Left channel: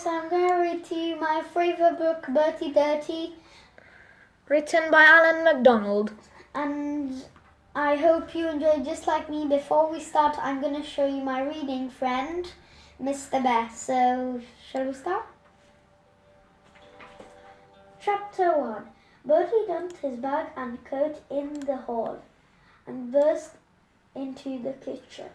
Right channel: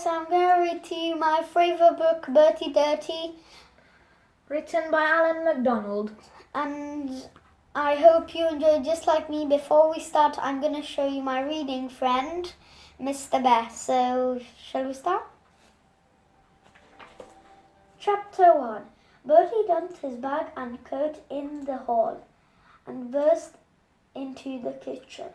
guys, I'm going to read to you my favourite book, Bertie, written by Alan MACDONALD. And I hope you enjoy just like me. Before we start, I'm going to show you my reading friend, Mr. Bear. So, shall we start? Chapter 1. Bertie dumped his bag and coat in the hall and burst into the kitchen.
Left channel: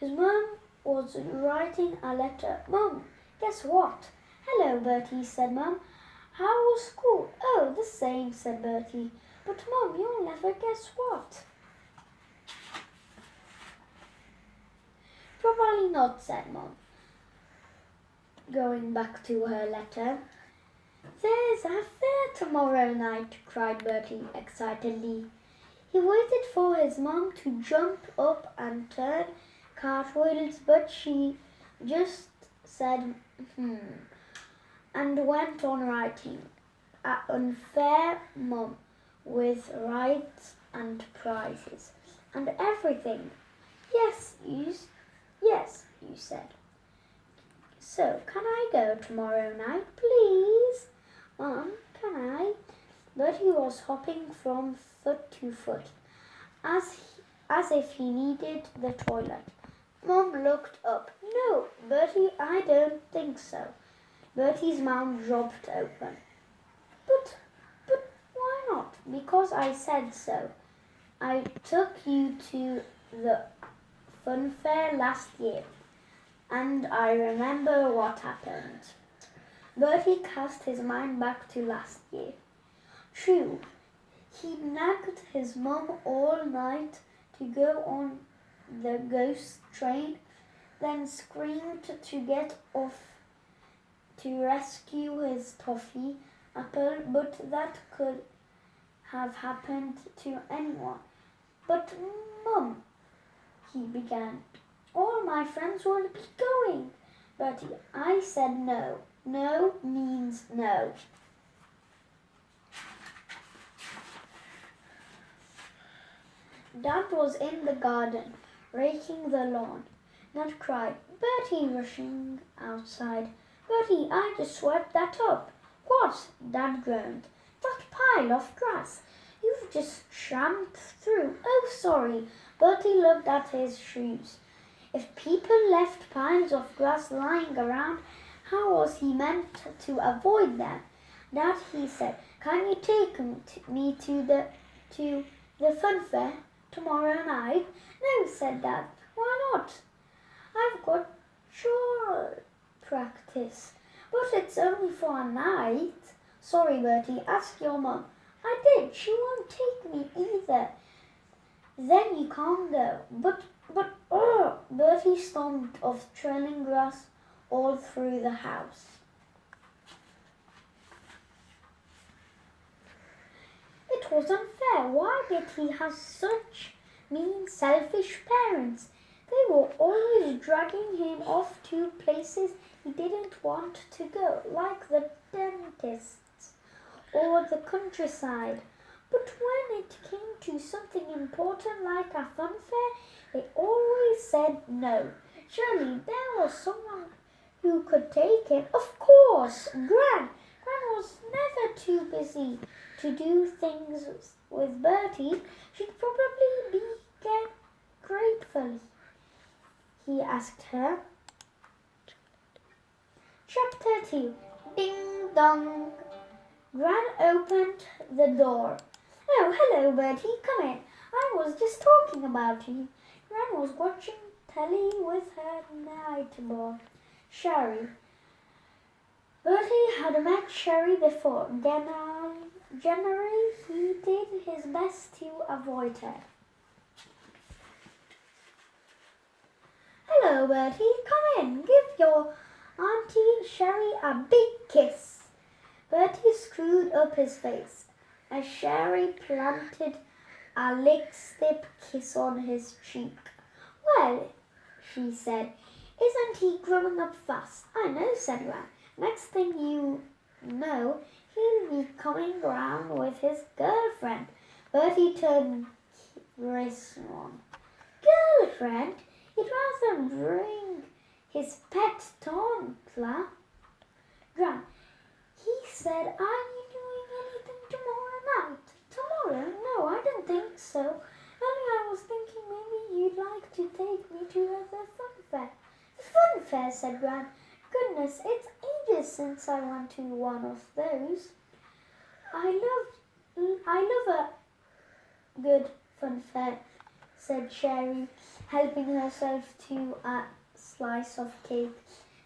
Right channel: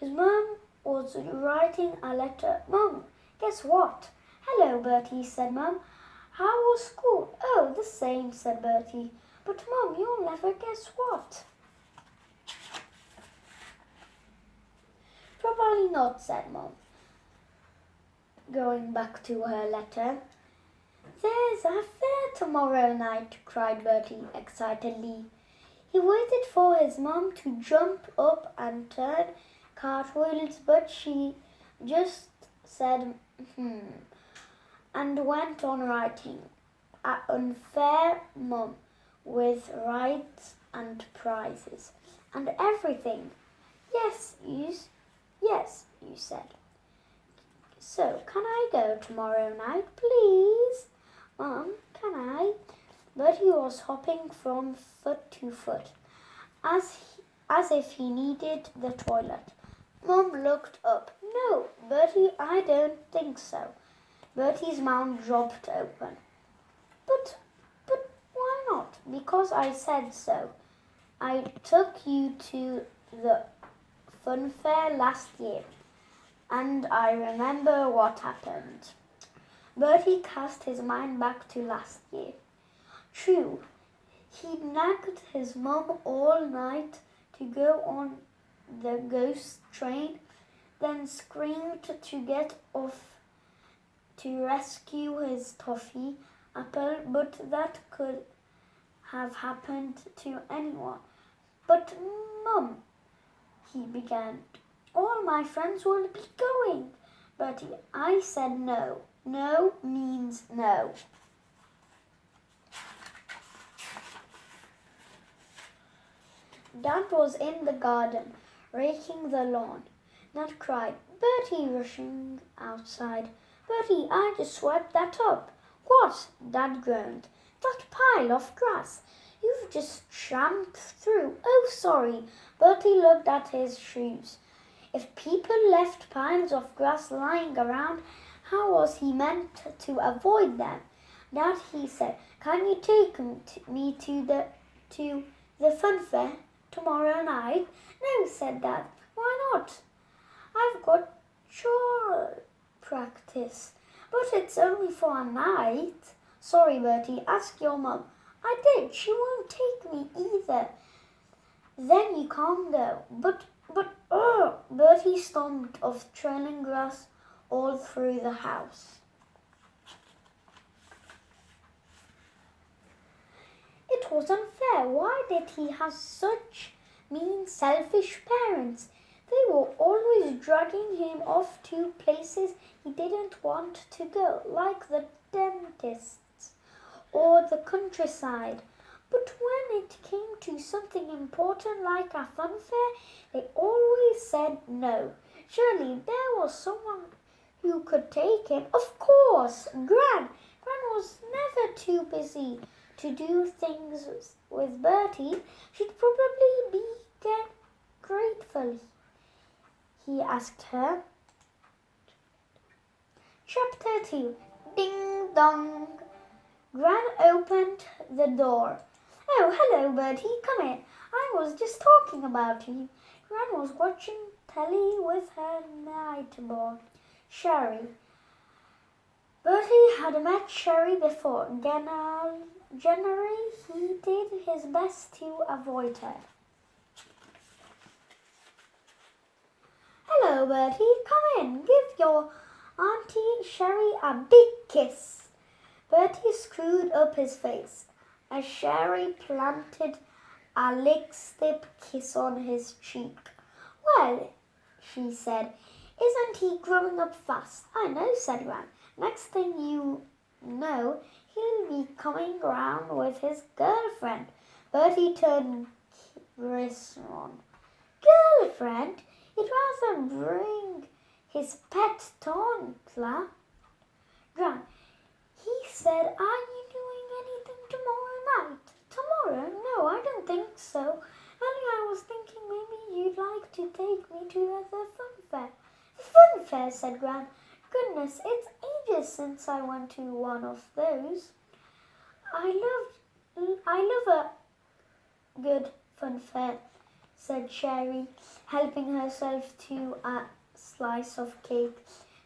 His mum was writing a letter. "Mum, guess what?" "Hello, Bertie," said Mum. "How was school?" "Oh, the same," said Bertie. "But Mum, you'll never guess what." "Probably not," said Mum, going back to her letter. "There's a fair tomorrow night," cried Bertie excitedly. He waited for his mum to jump up and turn cartwheels, but she just said, and went on writing. An unfair mum with rights and prizes and everything. Yes, you said. "So, can I go tomorrow night, please?" "Mum, can I?" Bertie was hopping from foot to foot, as if he needed the toilet. Mum looked up. "No, Bertie, I don't think so." Bertie's mouth dropped open. But why not?" "Because I said so. I took you to the fun fair last year, and I remember what happened." Bertie cast his mind back to last year. True, he nagged his mum all night to go on the ghost train, then screamed to get off to rescue his toffee apple, but that could have happened to anyone. "But Mum," he began, "all my friends will be going." "Bertie, I said no. No means no." Dad was in the garden, raking the lawn. Dad cried, "Bertie," rushing outside. "Bertie, I just swept that up." "What?" Dad groaned. "That pile of grass. You've just tramped through." "Oh, sorry." Bertie looked at his shoes. If people left piles of grass lying around, how was he meant to avoid them? "Dad," he said, "can you take me to the fun fair tomorrow night?" "No," said Dad. "Why not?" "I've got choir practice." "But it's only for a night." "Sorry, Bertie, ask your mum." "I did. She won't take me either." "Then you can't go." But, Bertie stomped off, trailing grass all through the house. It was unfair. Why did he have such mean, selfish parents? They were always dragging him off to places he didn't want to go, like the dentist's or the countryside. But when it came to something important like a fun fair, they always said no. Surely there was someone who could take him. Of course, Gran. Gran was never too busy to do things with Bertie. She'd probably be grateful, he asked her. Chapter 2. Ding dong. Gran opened the door. "Oh, hello, Bertie. Come in. I was just talking about you." Gran was watching telly with her neighbor, Sherry. Bertie had met Sherry before. Generally, he did his best to avoid her. "Hello, Bertie. Come in. Give your Auntie Sherry a big kiss." Bertie screwed up his face as Sherry planted a lipstick kiss on his cheek. "Well," she said, "isn't he growing up fast?" "I know," said Gran. "Next thing you know, he'll be coming round with his girlfriend." Bertie turned crimson. "Girlfriend? He'd rather bring his pet toddler." Gran, he said, are you doing anything tomorrow night? Tomorrow? No, I don't think so. Only I was thinking maybe you'd like to take me to the fun fair. The fun fair, said Gran. Goodness, it's ages since I went to one of those. I love a good fun fair, said Sherry, helping herself to a slice of cake.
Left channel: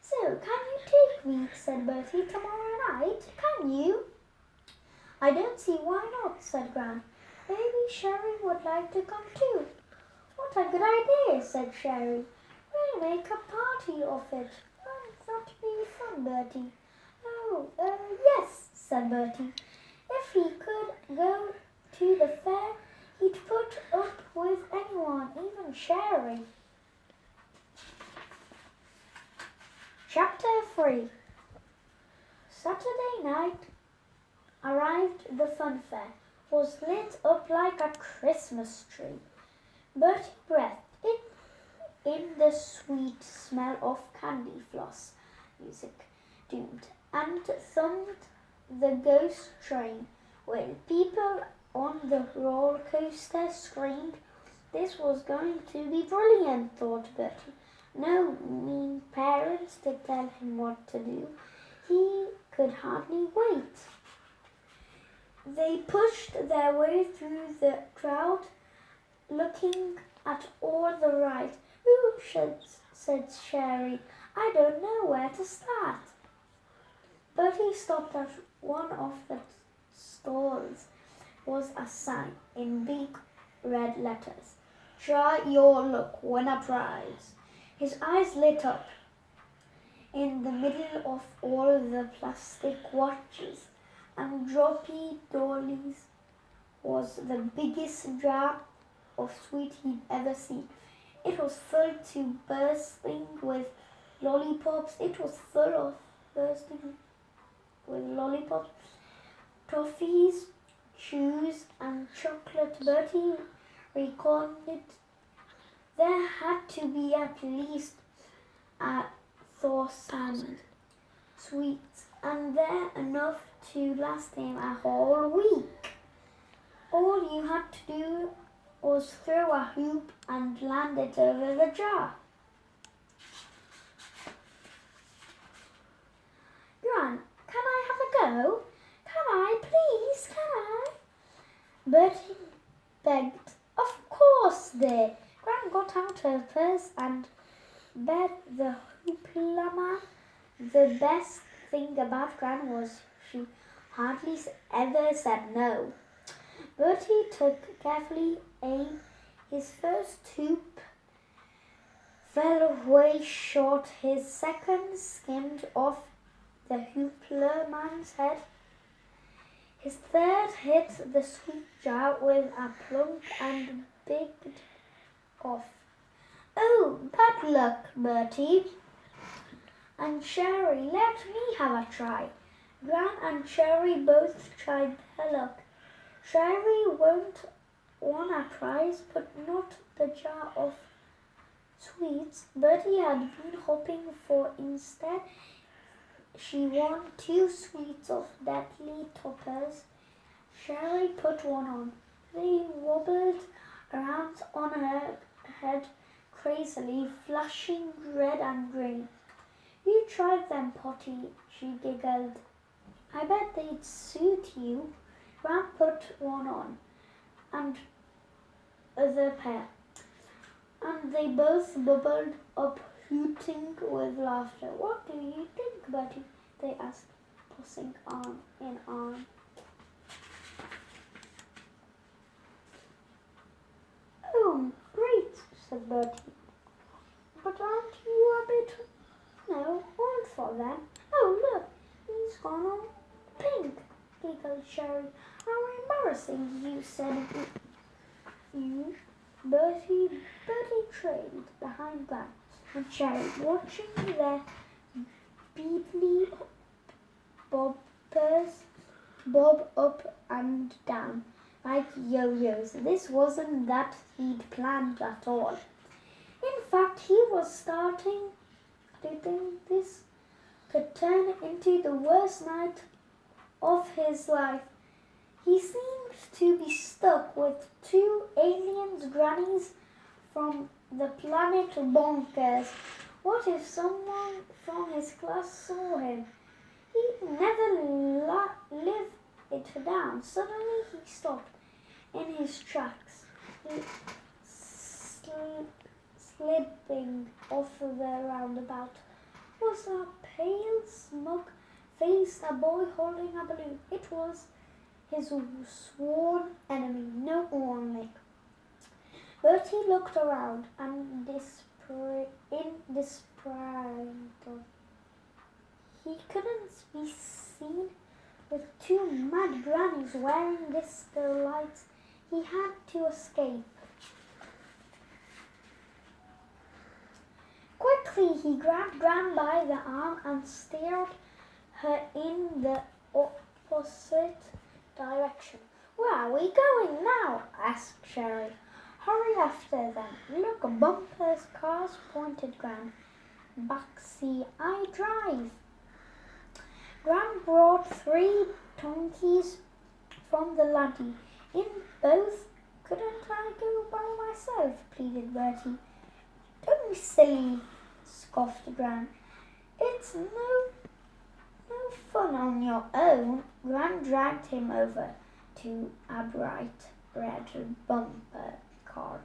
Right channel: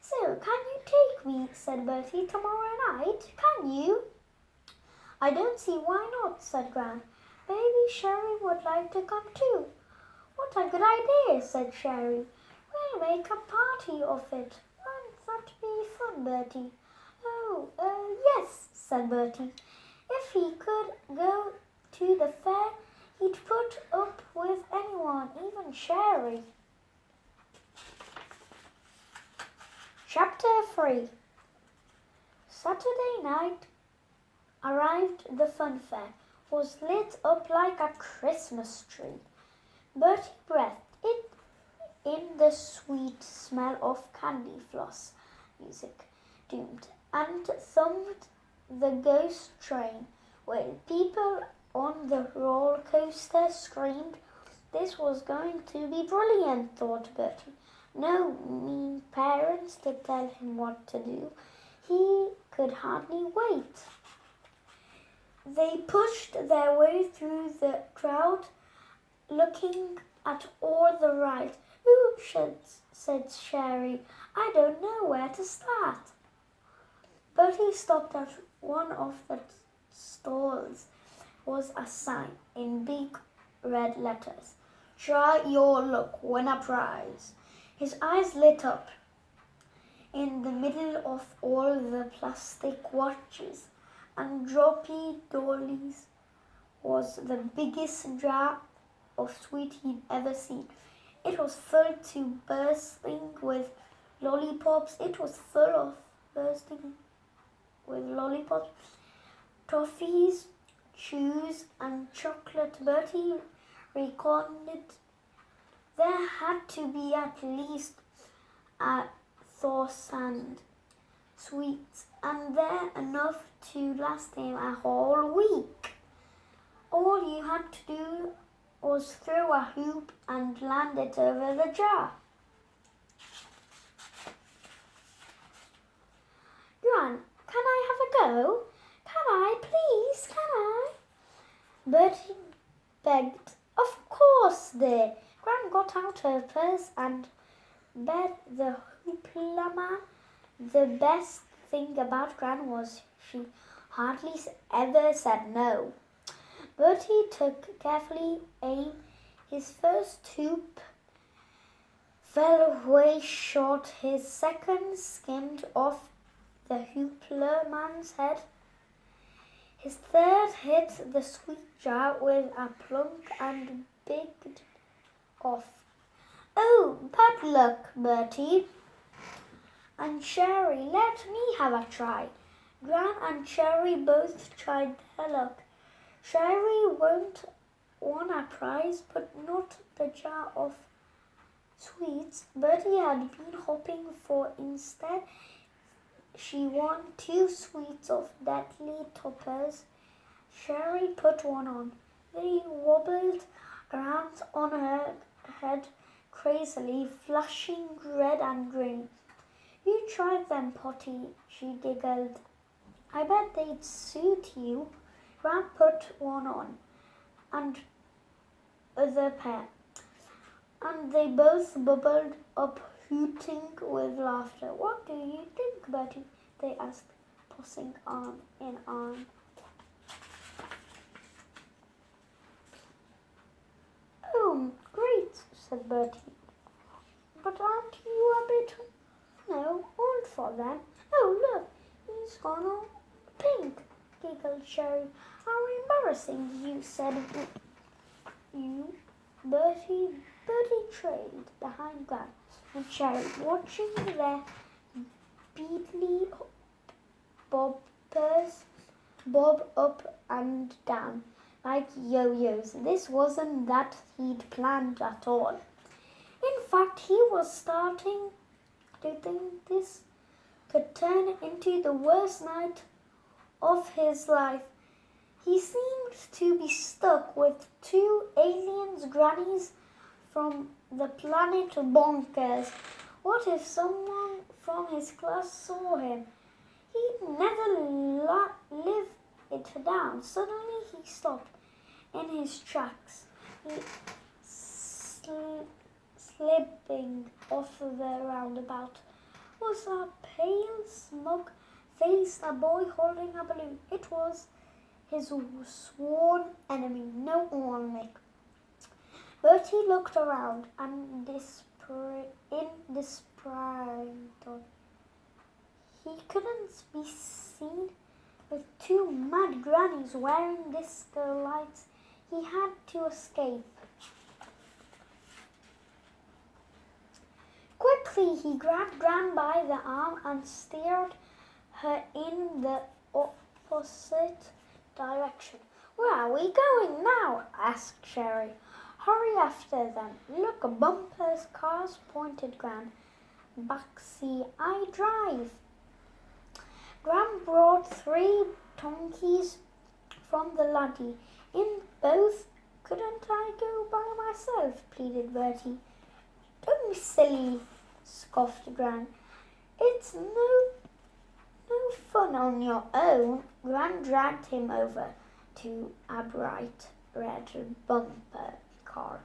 So, can you take me, said Bertie, tomorrow night? Can you? I don't see why not, said Gran. Maybe Sherry would like to come too. What a good idea, said Sherry. We'll make a party of it. Won't that be fun, Bertie? Oh, yes, said Bertie. If he could go to the fair, he'd put up with anyone, even Sherry. Chapter 3. Saturday night arrived. The fun fair was lit up like a Christmas tree. Bertie breathed it in the sweet smell of candy floss music, doomed, and thumped the ghost train while people on the roller coaster screamed. This was going to be brilliant, thought Bertie. No mean parents to tell him what to do. He could hardly wait. They pushed their way through the crowd, looking at all the rides. Ooh, said Sherry. I don't know where to start. Bertie stopped at one of the stalls. Was a sign in big red letters. Try your luck, win a prize. His eyes lit up. In the middle of all the plastic watches and droppy dollies was the biggest jar of sweet he'd ever seen. It was full to bursting with lollipops. Toffees, chews, and chocolate. Bertie reckoned there had to be at least 1,000 sweets, and there enough to last him a whole week. All you had to do was throw a hoop and land it over the jar. Gran, can I have a go? Can I, please, can I? Bertie begged. Of course, dear. Gran got out her purse and bet the hoopla. The best thing about Gran was she hardly ever said no. Bertie took carefully aim. His first hoop fell way short. His second skimmed off the hoopla man's head. His third hit the sweet jar with a plunk and bigged off. Oh, bad luck, Bertie. And Sherry, let me have a try. Gran and Sherry both tried their luck. Sherry won a prize, but not the jar of sweets Bertie had been hoping for. Instead, she won 2 sweets of deadly toppers. Sherry put one on. They wobbled around on her head crazily, flushing red and green. You tried them, Potty, she giggled. I bet they'd suit you. Gran put one on, and the pair, and they both bubbled up, hooting with laughter. What do you think, Bertie? They asked, tossing arm in arm. Oh, great, said Bertie. But aren't you a bit, old for them? Oh, look, he's gone all pink, giggled Sherry. How embarrassing, you said. Bertie trailed behind Gran and Sherry, watching their beetly bobbers bob up and down like yo-yos. This wasn't that he'd planned at all. In fact, he was starting to think this could turn into the worst night of his life. He seemed to be stuck with two aliens grannies from the planet Bonkers. What if someone from his class saw him? He'd never live it down. Suddenly he stopped in his tracks, slipping off the roundabout. Was a pale, smug-faced boy holding a balloon. It was his sworn enemy, no Nick. Bertie looked around and in despair. He couldn't be seen with two mad grannies wearing disco lights. He had to escape. Quickly he grabbed Gran by the arm and steered her in the opposite direction. "Where are we going now?" asked Sherry. "Hurry after them. Look, bumpers, cars," pointed Gran. "Backseat, I drive." Gran brought 3 donkeys from the laddie. "In both, couldn't I go by myself?" pleaded Bertie. "Don't be silly," scoffed Gran. "It's no fun on your own." Gran dragged him over to a bright red bumper car,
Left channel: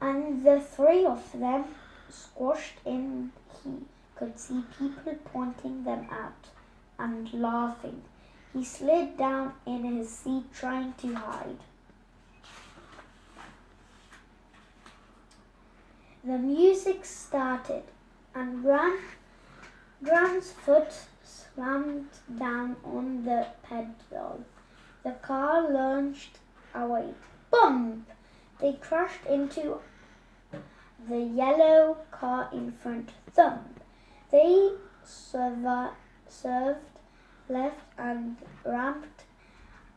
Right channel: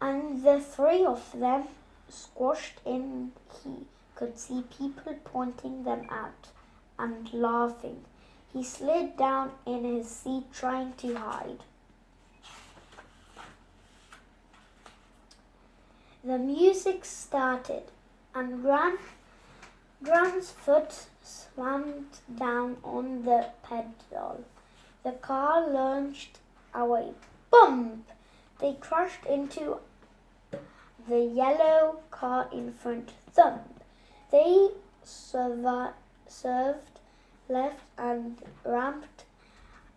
and the 3 of them squashed in. He could see people pointing them at and laughing. He slid down in his seat, trying to hide. The music started, and Gran's foot slammed down on the pedal. The car lunged away. Bump! They crashed into the yellow car in front. Thump! They swerved left and rammed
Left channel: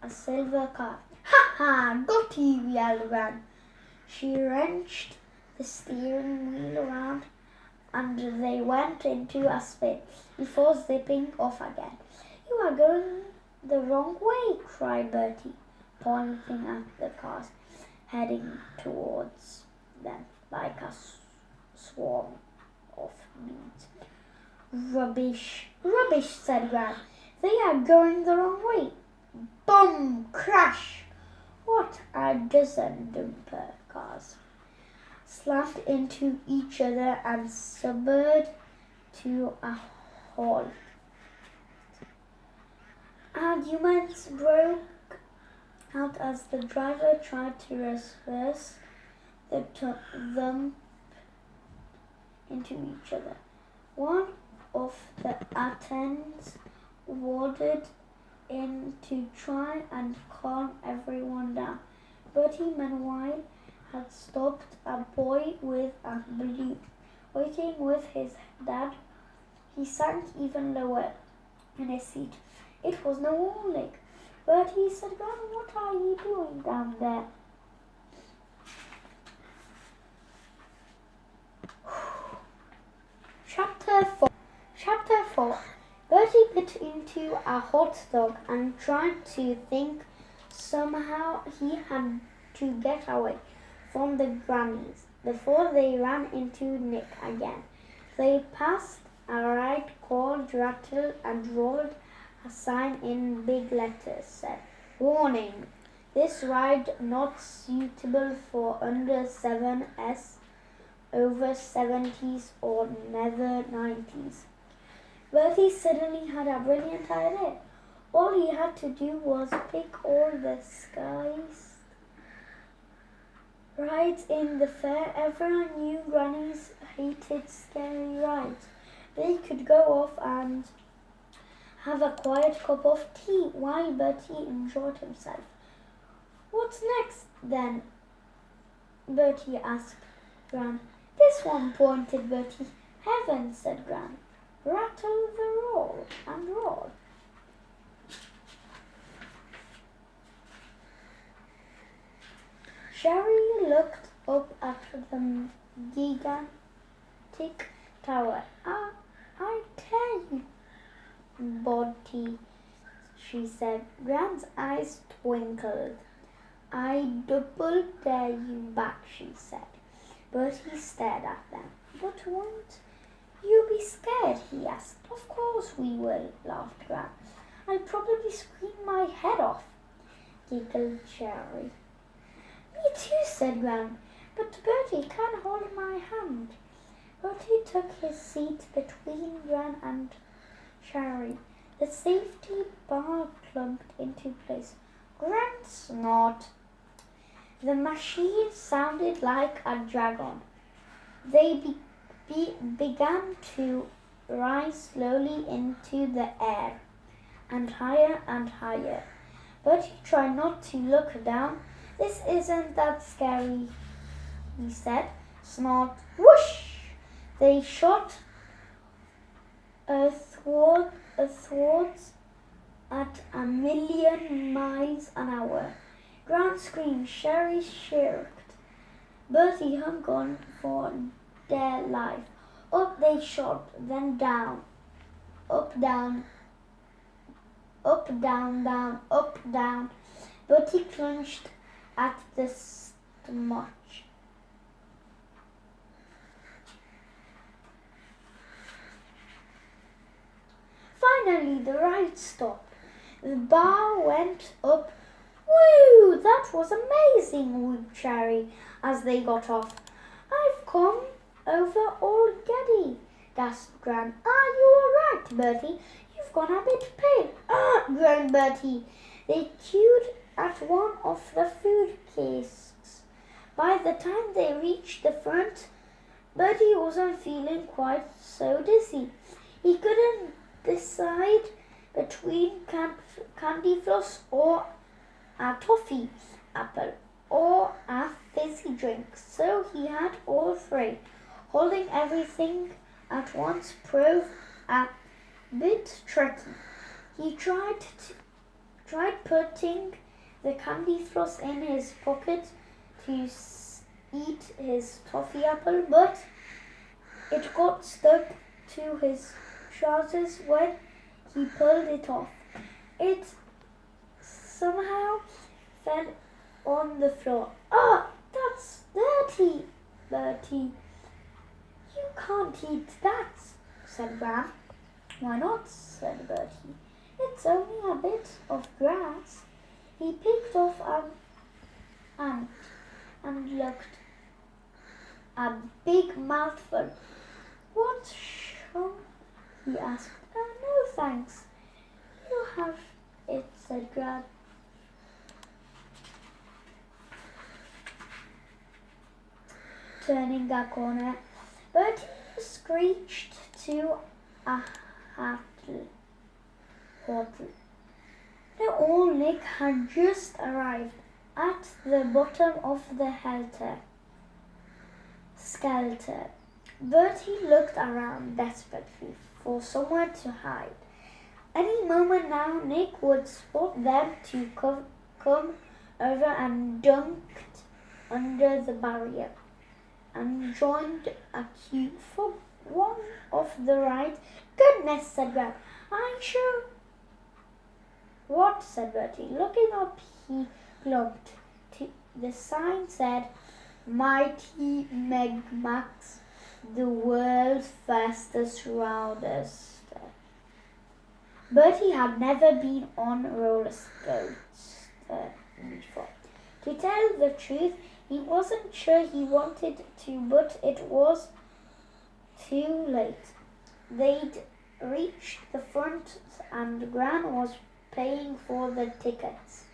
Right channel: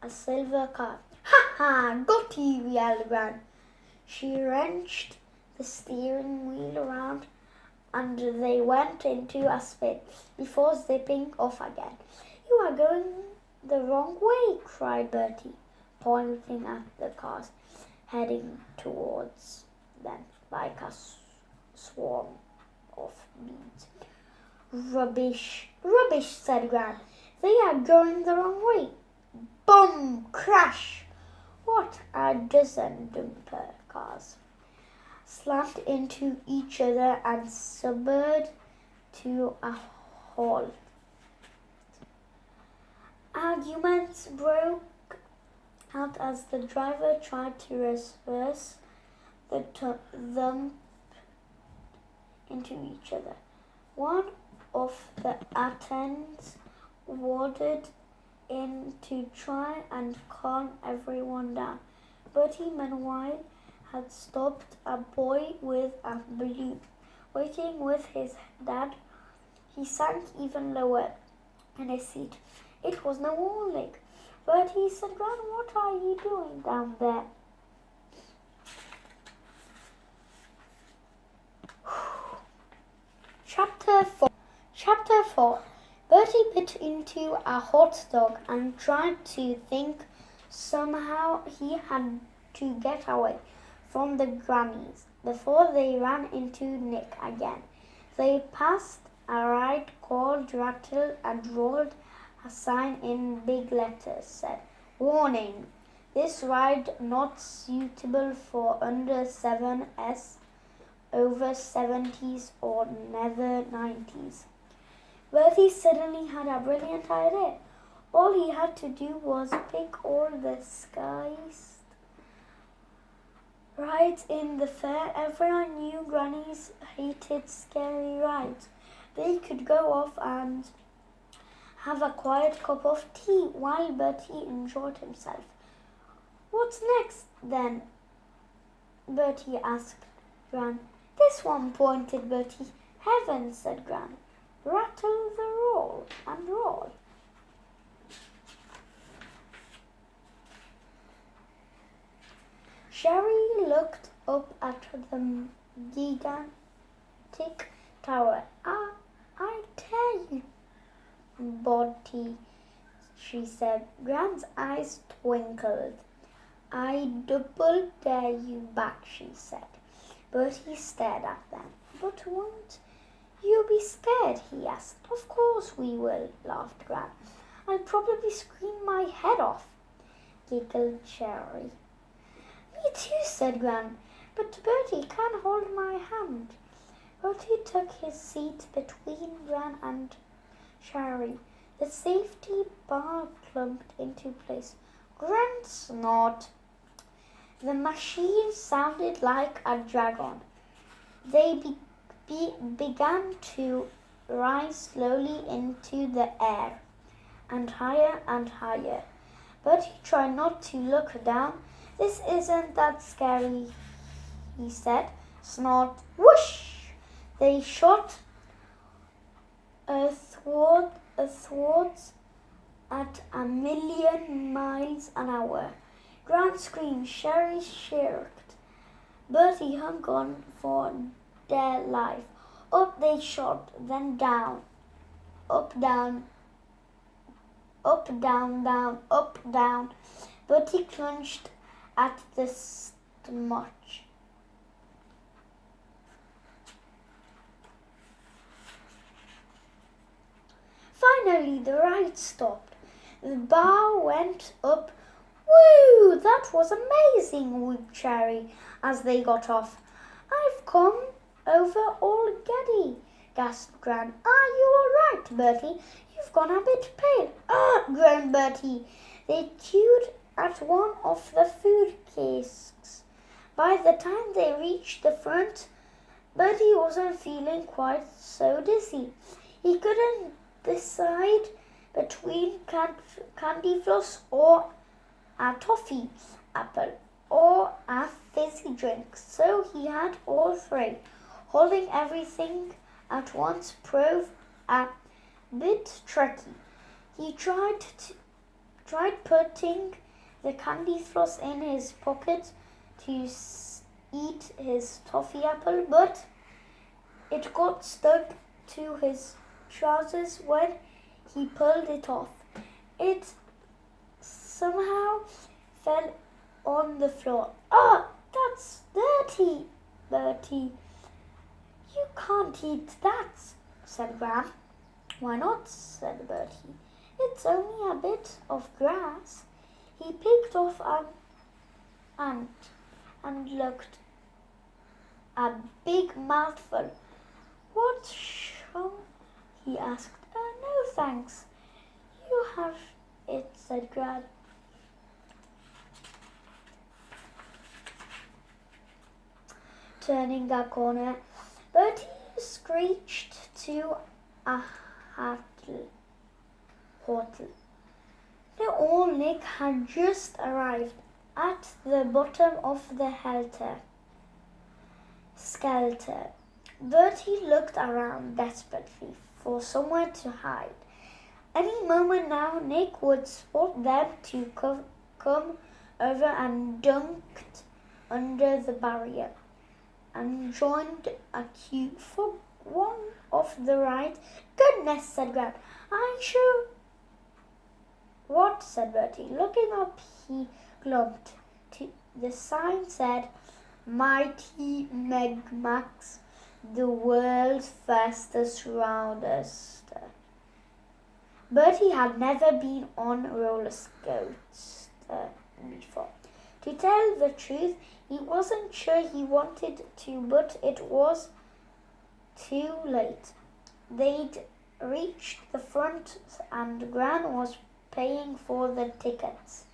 a silver car. "Ha ha! Got you!" yelled Gran. She wrenched the steering wheel around and they went into a spin before zipping off again. "You are going the wrong way," cried Bertie, pointing at the cars heading towards them like a swarm of bees. Rubbish, rubbish," said Gran. "They are going the wrong way." Boom! Crash! What a dozen dumper cars slammed into each other and spurred to a halt. Arguments broke out as the driver tried to reverse the thump into each other. One of the attendants wandered in to try and calm everyone down. Bertie, meanwhile, had stopped a boy with a balloon waiting with his dad. He sank even lower in his seat. It was no warning. Bertie said, "Gran, what are you doing down there?" Chapter 4. Bertie bit into a hot dog and tried to think. Somehow he had to get away from the grannies before they ran into Nick again. They passed a ride called Rattle and rolled a sign in big letters said, "Warning, this ride not suitable for under 7s, over 70s or never 90s. Bertie suddenly had a brilliant idea. All he had to do was pick all the skies rides in the fair. Everyone knew grannies hated scary rides. They could go off and have a quiet cup of tea while Bertie enjoyed himself. "What's next, then?" Bertie asked Gran. "This one," pointed Bertie. "Heavens," said Gran. "Rattle the roll and roll." Sherry looked up at the gigantic tower. I Bertie, she said. Gran's eyes twinkled. I double dare you back, she said. Bertie stared at them. But won't you be scared? He asked. Of course we will, laughed Gran. I'll probably scream my head off, giggled Sherry. Me too, said Gran. But Bertie can hold my hand. Bertie took his seat between Gran and Sherry. The safety bar clumped into place. Gran snored. The machine sounded like a dragon. They began to rise slowly into the air, and higher and higher. But he tried not to look down. This isn't that scary, he said. Snort. Whoosh! They shot athwards at 1,000,000 miles an hour. Gran screamed, Sherry shrieked. Bertie hung on for dear life. Up they shot, then down. Up, down. Up, down, down, up, down. Bertie clutched at the stomach. Finally, the ride stopped. The bar went up. Woo! That was amazing, whooped Sherry as they got off. I've come over already, gasped Gran. Are you all right, Bertie? You've gone a bit pale. Groaned Bertie. They chewed at one of the food casks. By the time they reached the front, Bertie wasn't feeling quite so dizzy. He couldn't decide between candy floss or a toffee apple or a fizzy drink, so he had all three. Holding everything at once proved a bit tricky. He tried putting the candy floss in his pocket to eat his toffee apple, but it got stuck to his trousers when he pulled it off. It somehow fell on the floor. That's dirty, Bertie. You can't eat that, said Gran. Why not, said Bertie. It's only a bit of grass. He picked off an ant and looked a big mouthful. What shall he asked. No thanks. You have it, said Gran. Turning a corner, Bertie screeched to a hotel. The old Nick had just arrived at the bottom of the skelter. Bertie looked around desperately for somewhere to hide. Any moment now, Nick would spot them to come over and dunked under the barrier and joined a queue for one of the rides. Goodness, said Gran. I'm sure. What? Said Bertie. Looking up, he clumped. The sign said, Mighty Megmax, the world's fastest roller skater. Bertie had never been on roller skates before. To tell the truth, he wasn't sure he wanted to, but it was too late. They'd reached the front and Gran was paying for the tickets.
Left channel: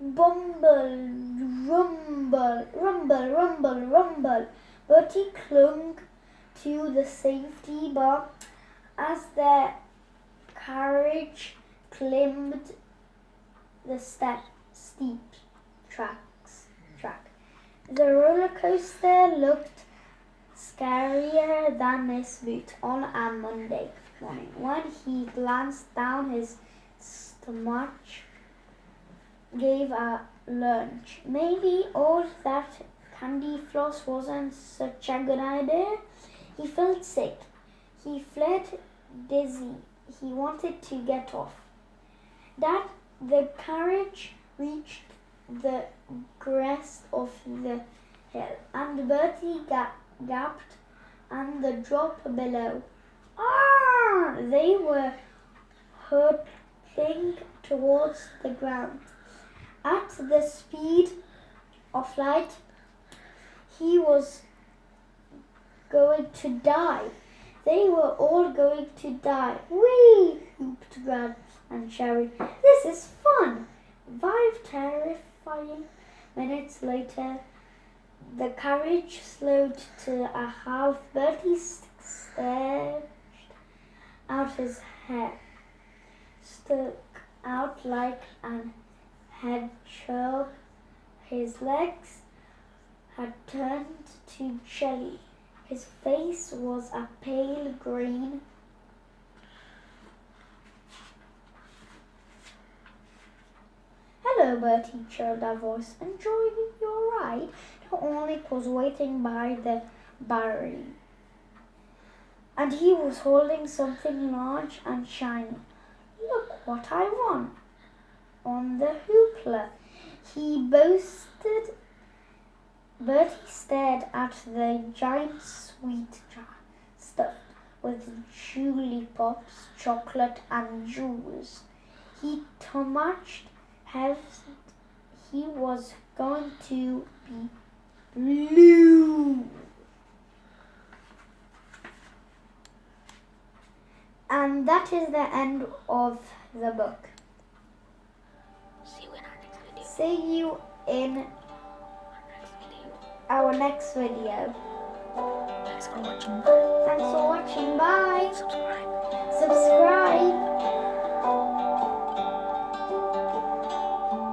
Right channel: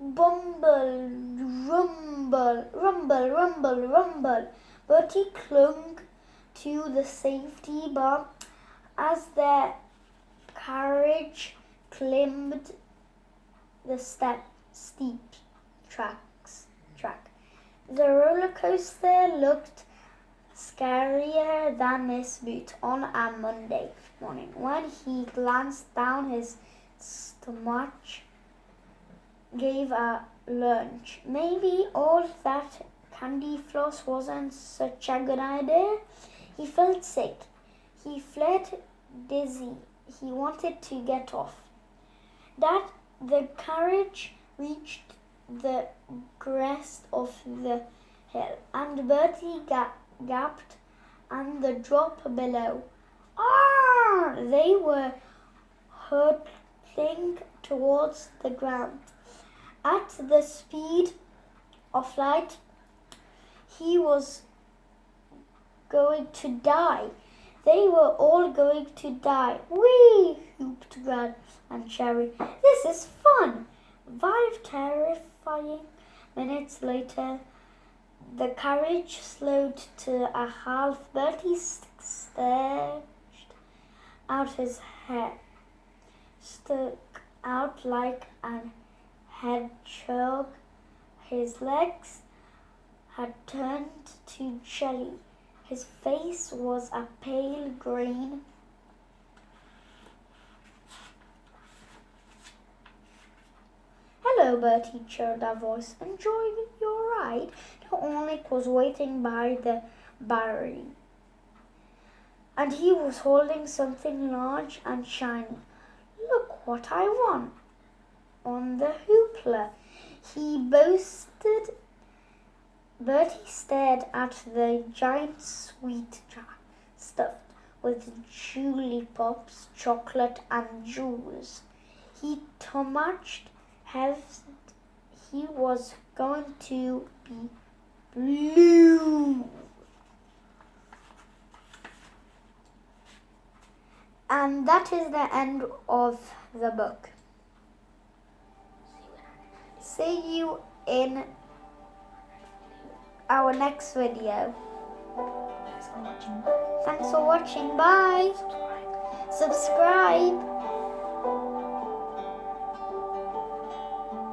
Bumble, rumble, rumble, rumble, rumble. Bertie clung to the safety bar as their carriage climbed the steep track. The roller coaster looked scarier than Miss Boot on a Monday morning. When he glanced down, his stomach gave a lunge. Maybe all that candy floss wasn't such a good idea. He felt sick. He fled dizzy. He wanted to get off. The carriage reached the crest of the hill, and Bertie gasped and the drop below. Ah! They were hurtling towards the ground. At the speed of light, he was going to die. They were all going to die. Whee! Whooped Gran and Cherry. This is fun! 5 terrifying minutes later, the carriage slowed to a halt. Bertie stretched out his head, stuck out like an hedgehog. His legs had turned to jelly. His face was a pale green. Hello, Bertie, chirped a voice. Enjoying your ride? The Ornick was waiting by the barrier, and he was holding something large and shiny. Look what I won on the hoopla, he boasted. Bertie stared at the giant sweet jar stuffed with jollipops, chocolate, and jewels. He matched health. He was going to be blue. And that is the end of the book. See you in our next video. Thanks for watching. Thanks for watching. Bye. Subscribe.